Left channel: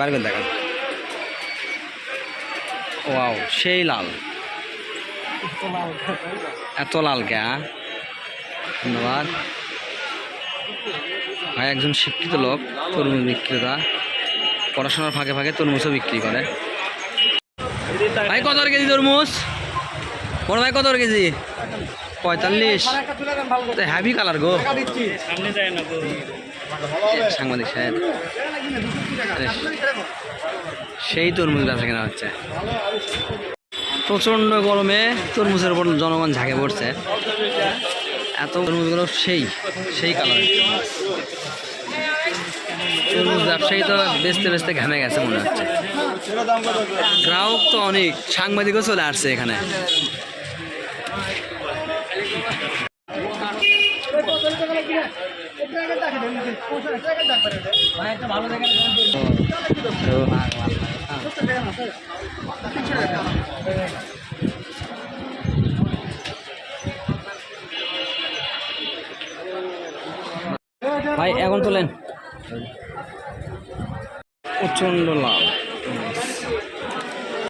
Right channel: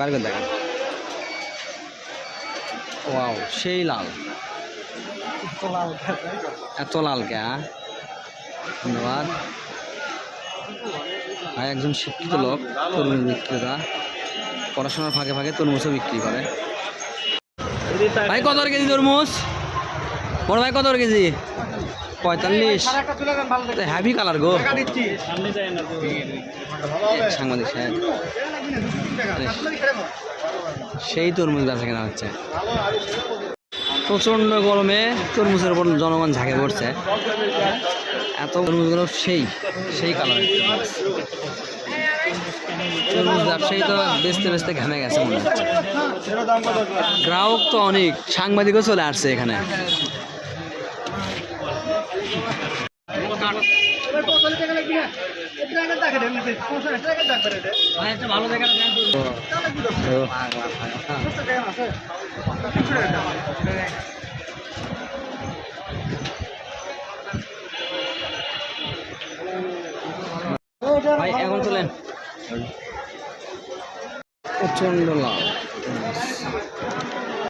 বার করে দেখান। ওয়াও, সেই লাল, এত লাল কে? ধন্যবাদ ভাই। একজন শিক্ষিত লোক, তরমুজ বিক্রেতা, পড়াশোনার ফাঁকে ফাঁকে তরমুজও বিক্রি করে। ভাই কত কেজি তরমুজ? বড় ভাই কত কেজি? 45। হ্যাভি কালার গো। সাংবাদিক সাহেব, সেই তরমুজ বেচা কেনা হচ্ছে। প্রচণ্ড গরমে তরমুজের উপর জনগণ ঝাঁকে পড়ছে। এত তরমুজগুলো সেই সেই কালারের তরমুজ। ব্যবসায়ী তো বেচতে বেচতে ঘামে গেছে মনে হচ্ছে। গ্রাহক তো অনেক, সাংবাদিকও চলে আসছে এখানে। ভাই এখন তোলেন। প্রচন্ড লাল।